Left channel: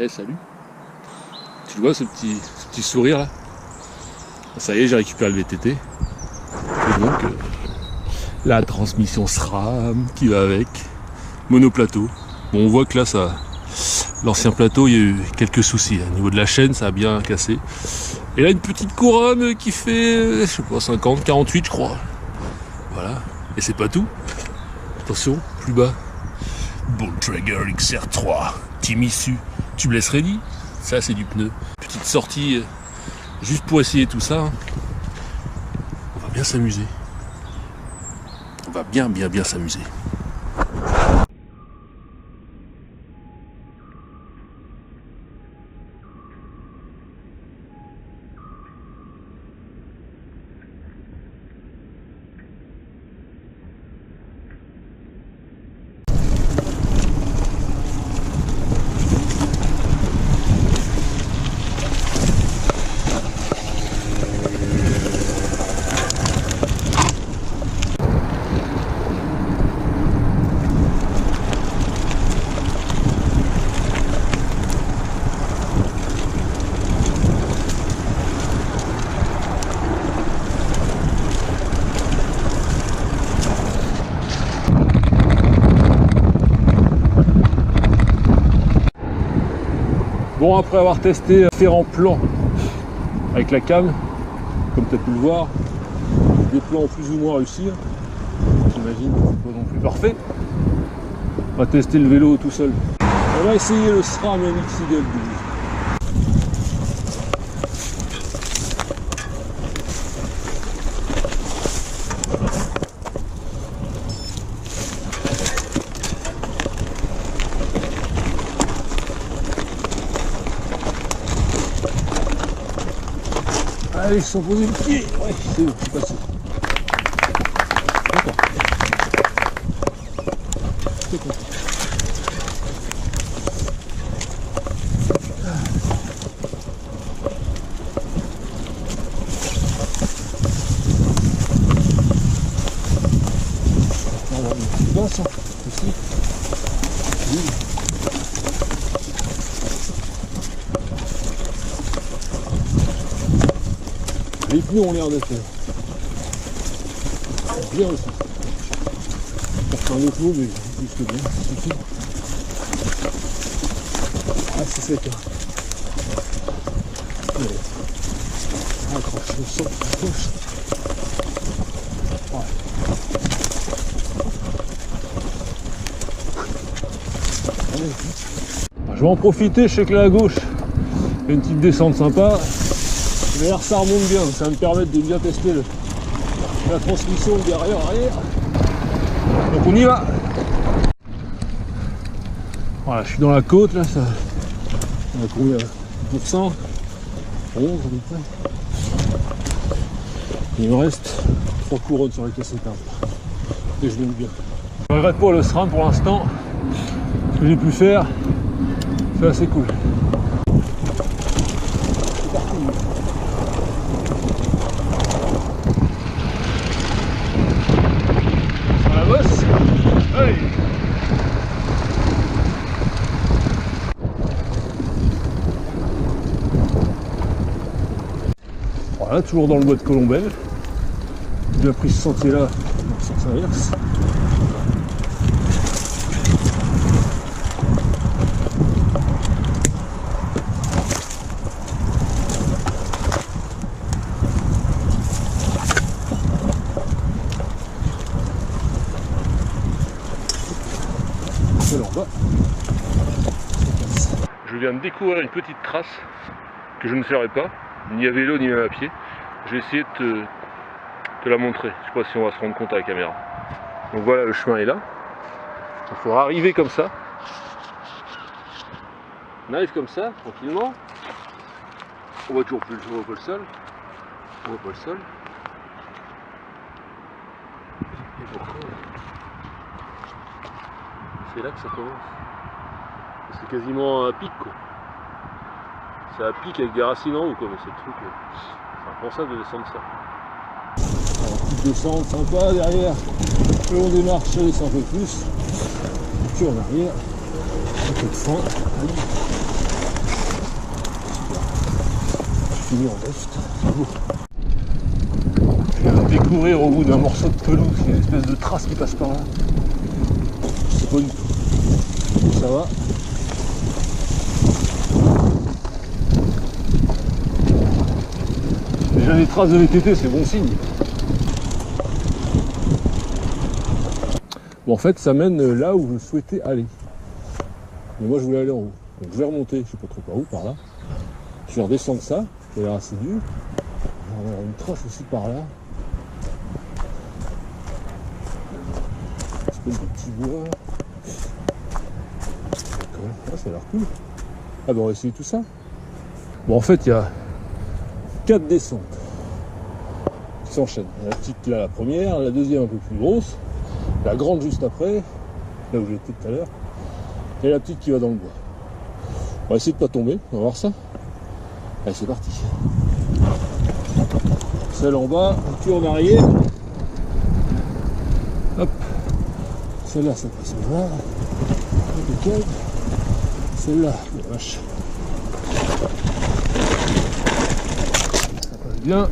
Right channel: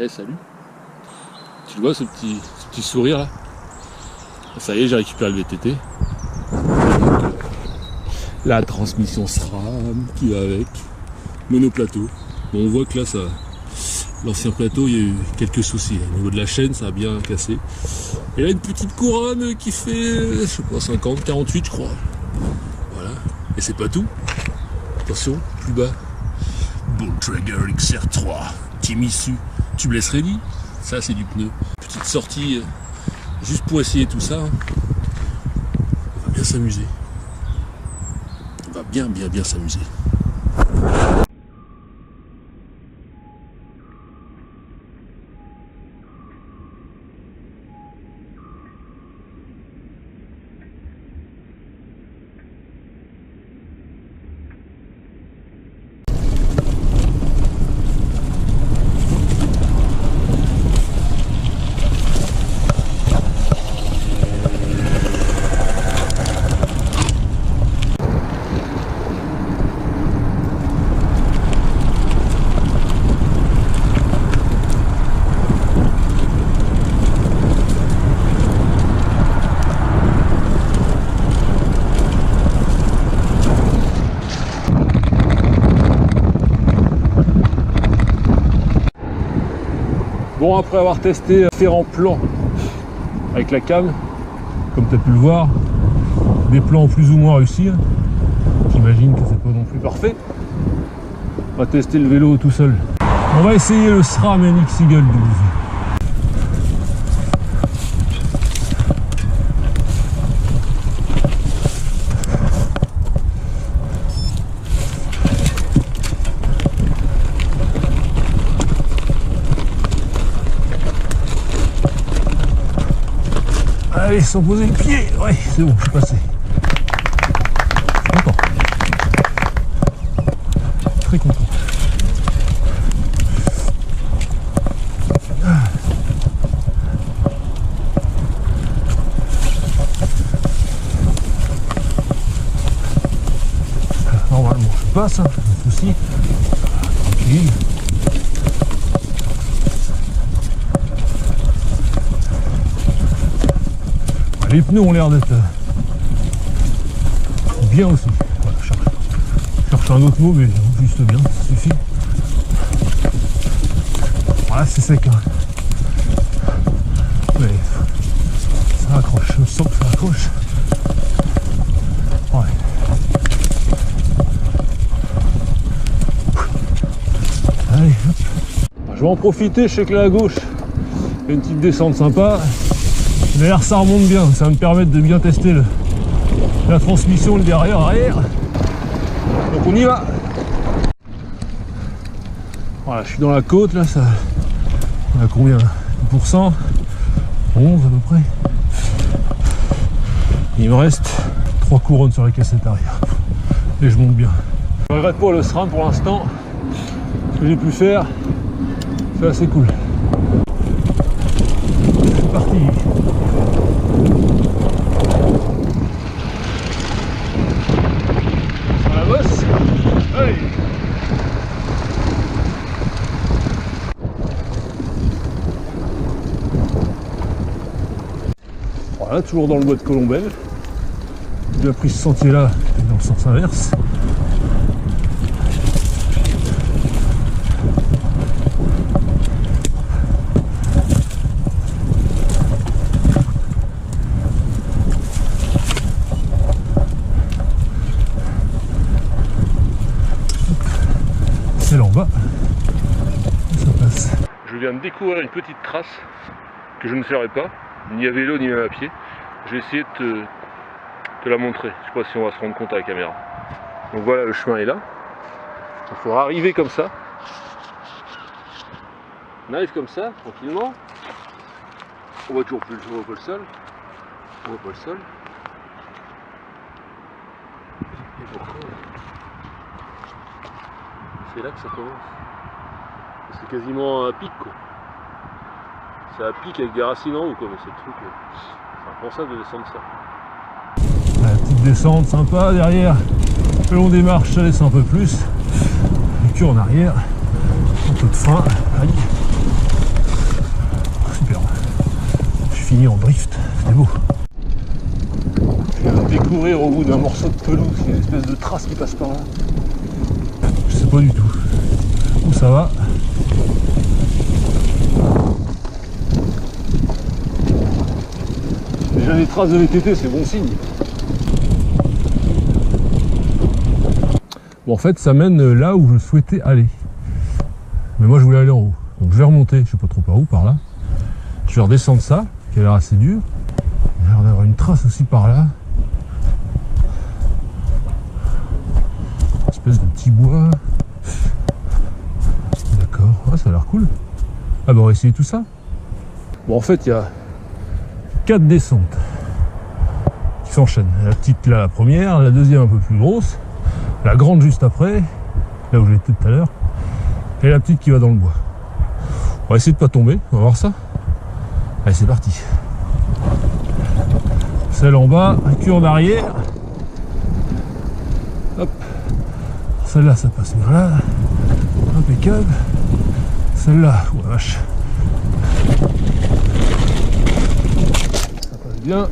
Hey, salut. Tu le vois ce petit sourire là? Ça y est, j'ai récupéré le VTT. Et donc la transmission SRAM qui va avec. Monoplateau. Bon, on voit que là, l'ancien plateau, il y a eu quelques soucis. Au niveau de la chaîne, ça a bien cassé. Et là, une petite couronne qui fait, je sais pas, 50, 48, je crois. Voilà. Et c'est pas tout. Attention, plus bas. Bontrager XR3. Team issu. Tubeless ready. Ça, c'est du pneu. Petite sortie juste pour essayer tout ça. On va bien s'amuser. On va bien s'amuser. Bon, après avoir testé différents plans avec la cam, comme tu as pu le voir, des plans plus ou moins réussis, j'imagine que c'est pas non plus parfait. On va tester le vélo tout seul. On va essayer le SRAM MX Eagle 12. Allez, sans poser le pied, ouais, c'est bon, je suis passé. Content. Très content. Normalement, je passe, hein, pas de souci. Oui. Les pneus ont l'air d'être bien aussi. Voilà, je cherche un autre mot, mais juste bien, ça suffit. Voilà, c'est sec. Hein. Mais ça accroche, je sens que ça accroche. Ouais. Allez, hop. Je vais en profiter, je sais que là à gauche, il y a une petite descente sympa. D'ailleurs ça remonte bien, ça va me permettre de bien tester la transmission, le derrière-arrière. Donc on y va. Voilà, je suis dans la côte là, ça. On a combien? 10%? 11 à peu près. Il me reste 3 couronnes sur la cassette arrière. Et je monte bien. Je regrette pas le SRAM pour l'instant. Ce que j'ai pu faire, c'est assez cool. C'est parti. Hey. Voilà, toujours dans le bois de Colombelle. J'ai bien pris ce sentier là dans le sens inverse. Là en bas, ça passe. Je viens de découvrir une petite trace que je ne ferai pas, ni à vélo ni même à pied. Je vais essayer de te la montrer. Je sais pas si on va se rendre compte à la caméra. Donc voilà, le chemin est là. Il faudra arriver comme ça. On arrive comme ça, tranquillement. On voit toujours plus, on voit pas le sol. On voit pas le sol. Et pourquoi c'est là que ça commence. C'est quasiment un pic quoi. C'est un pic avec des racines en haut quoi, mais c'est le truc. C'est impensable de descendre ça. Ouais, petite descente sympa derrière. Le long des marches, ça descend un peu plus. Et puis en arrière, un peu de frein. Allez. finit en drift, c'est beau. Je viens de découvrir au bout d'un morceau de pelouse, il y a une espèce de trace qui passe par là. Je sais pas du tout où ça va. Déjà les traces de VTT, c'est bon signe. Bon, en fait, ça mène là où je souhaitais aller. Mais moi, je voulais aller en haut. Donc je vais remonter, je sais pas trop par où, par là. Je vais redescendre ça, qui a l'air assez dur. Il y a l'air d'avoir une trace aussi par là. Une espèce de petit bois. D'accord, ouais, ça a l'air cool. Ah bah on va essayer tout ça. Bon, en fait, il y a 4 descentes qui s'enchaînent. La petite là, la première, la deuxième un peu plus grosse, la grande juste après, là où j'étais tout à l'heure, et la petite qui va dans le bois. On va essayer de pas tomber, on va voir ça. Allez, c'est parti. Celle en bas, cul en arrière. Hop. Celle-là, ça passe voilà. Impeccable. Celle-là, oh la vache. Ça passe bien.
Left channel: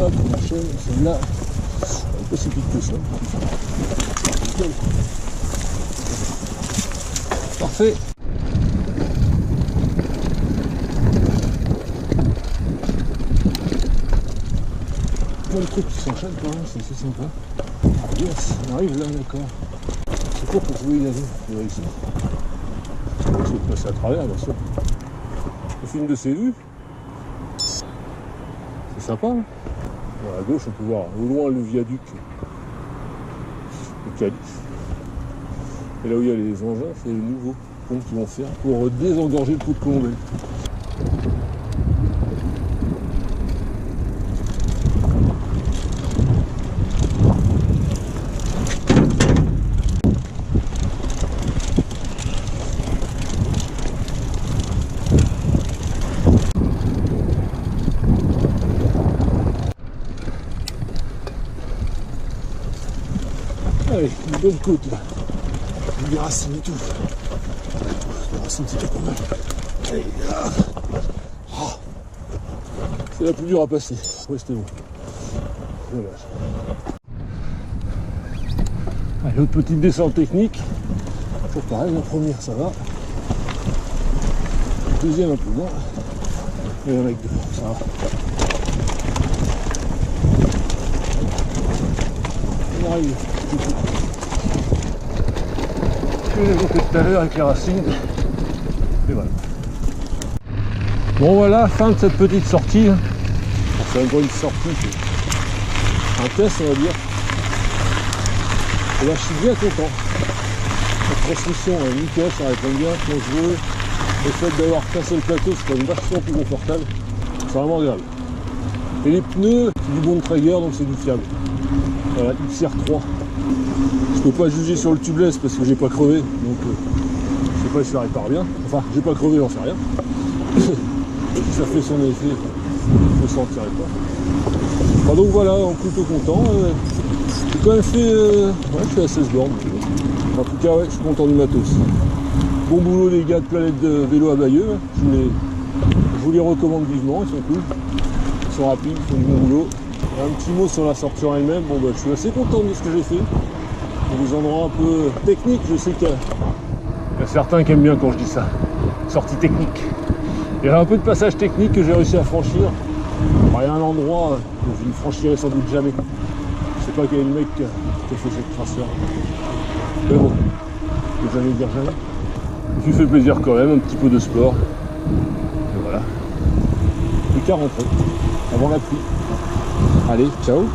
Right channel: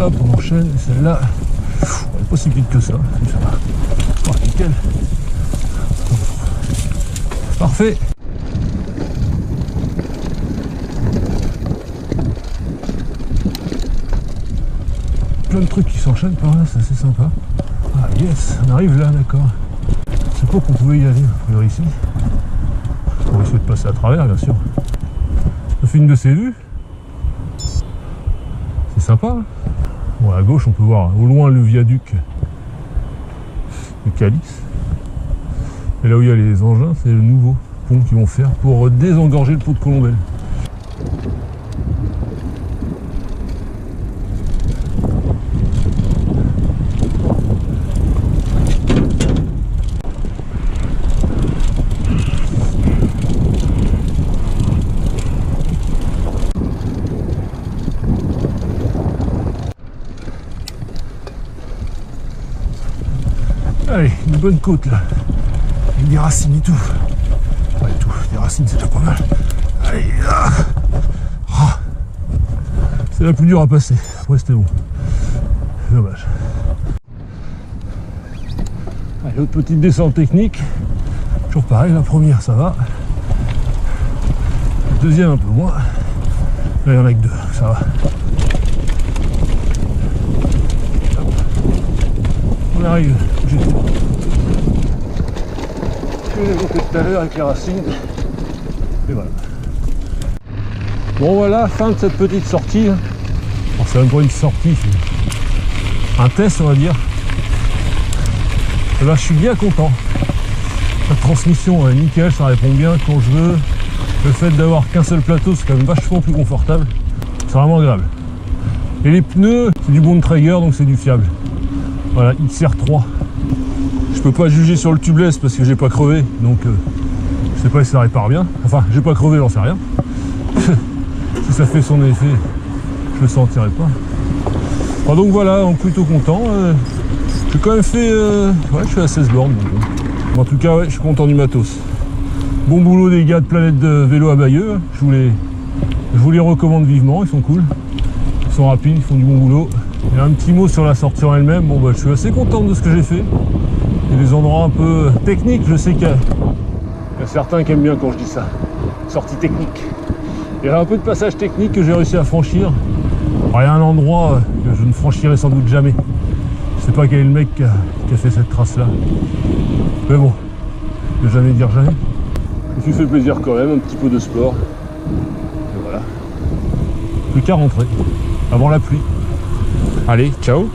Hop, on enchaîne. Et celle-là, pas si vite que ça. Ça va. Oh, nickel. Parfait. Plein de trucs qui s'enchaînent quand même, c'est assez sympa. Ah yes, on arrive là, d'accord. C'est court qu'on pouvait y aller, ici. On va essayer de passer à travers, bien sûr. On fait une de ces vues. C'est sympa. Hein. Bon, à gauche, on peut voir au loin le viaduc de Calice. Et là où il y a les engins, c'est le nouveau pont qu'ils vont faire pour désengorger le pot de Colombelle. Allez, une bonne côte là. Des racines et tout. Ouais, tout. Des racines, c'est pas mal. Allez, là. Oh. C'est la plus dure à passer. Après, c'était bon. Dommage. Allez, autre petite descente technique. Toujours pareil, la première, ça va. La deuxième, un peu moins. Là, il y en a que 2, ça va. On arrive. Je l'ai monté tout à l'heure avec les racines. Et voilà. Bon voilà, fin de cette petite sortie. C'est même pas une sortie, c'est un test on va dire. Et là je suis bien content. La transmission est nickel, ça répond bien quand je veux. Le fait d'avoir qu'un seul plateau, c'est quand même vachement plus confortable. C'est vraiment agréable. Et les pneus, c'est du Bontrager, donc c'est du fiable. Voilà, XR3. Je peux pas juger sur le tubeless parce que j'ai pas crevé, donc je sais pas si ça répare bien. Enfin, j'ai pas crevé, j'en sais rien. Si ça fait son effet, je le sentirai pas. Enfin, donc voilà, donc plutôt content. J'ai quand même fait... ouais, je suis à 16 bornes. Donc, en tout cas, ouais, je suis content du matos. Bon boulot des gars de Planète de Vélo à Bayeux. Je vous les recommande vivement, ils sont cool. Ils sont rapides, ils font du bon boulot. Et un petit mot sur la sortie en elle-même. Bon, bah, je suis assez content de ce que j'ai fait. Il y a des endroits un peu techniques, je sais qu'il y a certains qui aiment bien quand je dis ça. Sortie technique. Il y a un peu de passage technique que j'ai réussi à franchir. Alors, il y a un endroit que je ne franchirai sans doute jamais. Je sais pas quel est le mec qui a fait cette trace là. Mais bon, je ne vais jamais dire jamais. Je me suis fait plaisir quand même, un petit peu de sport. Et voilà. Plus qu'à rentrer, avant la pluie. Allez, ciao!